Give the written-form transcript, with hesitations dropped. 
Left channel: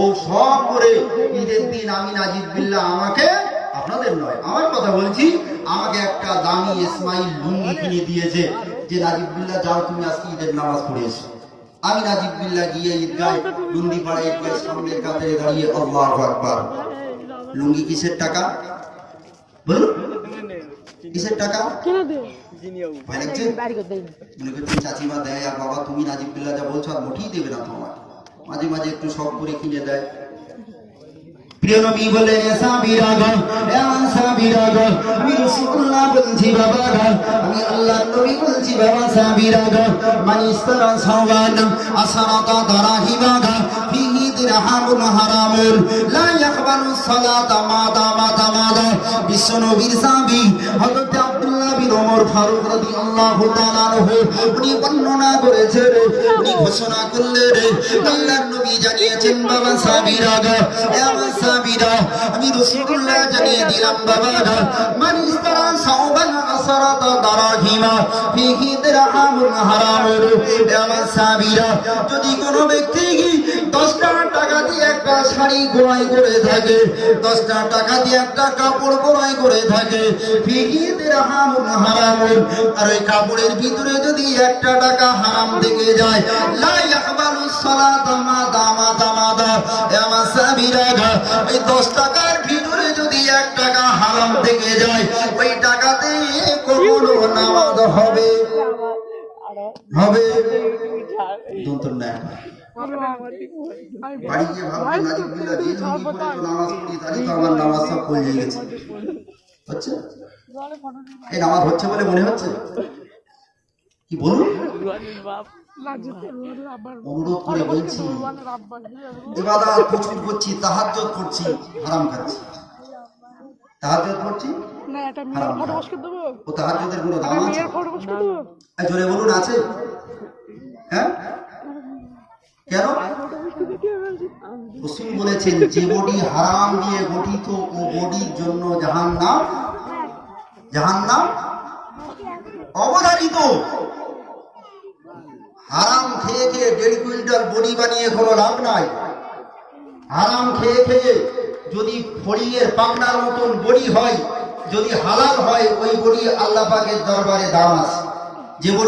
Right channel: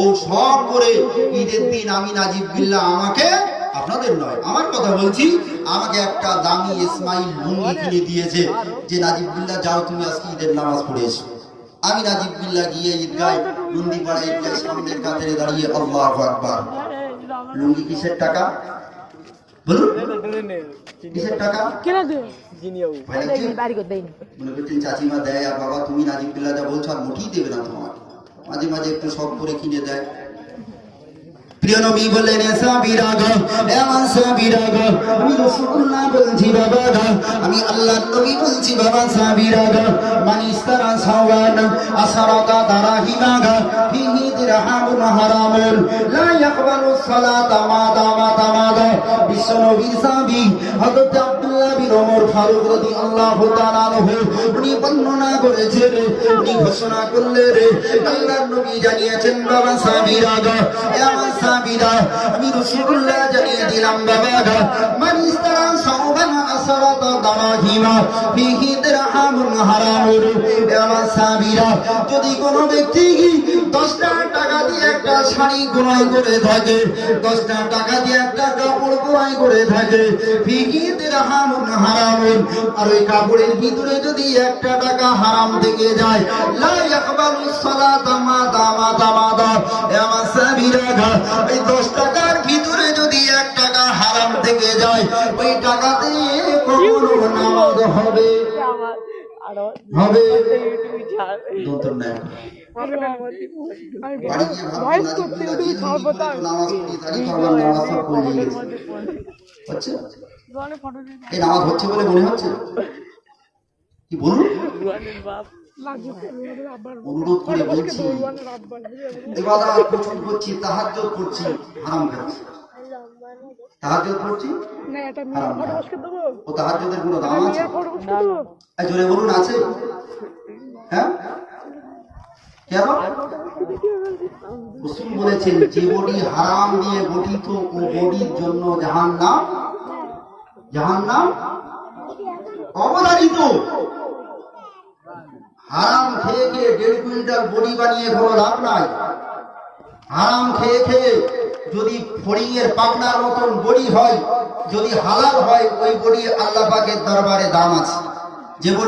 ও সব করে ঈদের দিন আমি নাজিব বিল্লাহ আমাকে, আপনাদের নয় আমার কথা বলছি, আমাকে একটা দামি ইসমাইল লুঙ্গি কিনে দিয়েছে যে নাজিব বিল্লাহ যাও তুমি আজকে ঈদের নামাজ পড়েছো। আমি নাজিব বিল্লাহ গিয়ে ঈদগায় লুঙ্গিপাড়া ঈদগায় সামনের কাতারে দাঁড়িয়ে আল্লাহু আকবার। লুঙ্গি কিসের টাকা বলুন, কিসের টাকা? চাচিমা দেয় আর বাবা তুমি নাজিব বিল্লাহ যা বলছো আর মোটেই দেবে না তোমার, মাঝে মাঝে একটু শখ করে কিনে দেয়। প্রিয় নবী বলেন সাবিরা গো এমন সাবিরা গো আমি রাসূলুল্লাহ বলছি বাবা গো, আমি আল্লাহর নবী বলছি বাবা সাবিরা গো মান ইসতারা সাওয়ান আসরাকা দারাহিমা গো ফিহি দিরহামুন হারামুন লা ইয়াকবালু সালাতা মা দামা তামাদা। বিশ্ব নবীর সাহাবী হযরত আব্দুল্লাহ বিন ওমর ফারুক রাদিয়াল্লাহু তাআলা আনহু উনি বর্ণনা করেছেন, উনি ঘোষণা করলেন আল্লাহর নবী জানিয়েছেন বাবা সাবিরা গো এমন সাবিরা আমি রাসূলুল্লাহ জানিয়ে দিলাম বাবা গো মান ইসতারা সাওবান আসরাতা দারাহিমা ফিহি দিরহামুন হারামুন। এমন সাবিরা যদি কোনো ব্যক্তি 10 টাকা দিয়ে একটা শাড়ি ক্রয় করে থাকে, 10 টাকা দিয়ে একটা কাপড় ক্রয় করে থাকে, ফিহি দিরহামুন হারামুন, আর ওই কাপড়ের ভিতরে যদি 1 টাকা হারাম থেকে যায় লা ইয়াকবালু সালাতা মা দামা তামাদা। এমন সাবিরা ওই 10 টাকার ভিতরে যদি 1 টাকা হারাম থেকে যায় ওই টাকাতে কখনো নামাজ হবে হবে দন্তর না। বাড়ি গিয়ে ভাববেন নাজিব বিল্লাহ দিন নামাজ পড়ি তাই তো আমার নামাজ সব পড়ে গেছে হচ্ছে, এই নামাজ হচ্ছে বলে মনে হচ্ছে কি বলুন? অনুরোধ করে বলছি ইবাদত প্রচুর করছি, তাহাজ্জুদ করছি, হারাম খাচ্ছি। তাহাজ্জুদ করছি না, এটা মেয়ের ফটো বসকে দেব। ও তাহাজ্জুদের কোনো দাম আছে? মেয়ের ফটো বসকে দেব। এই জোরে বলুন আছে? হ্যাঁ কেন? রাসূল বলেছেন যে বডি হারাম দিয়ে গঠিত ও বডির জন্য জাহান্নাম, জাহান্নাম অবধারিত। হারাম খেয়ে খেয়ে 1.5 কুইন্টাল বডি বানিয়ে কোনো লাভ নাই। হারাম খেয়ে খেয়ে যদি ফড়িংয়ের পাবনার মতন বডি হয়, যদি হালাল হয় ওই বডি আল্লাহ পাকের দরবারে দাম আছে। যে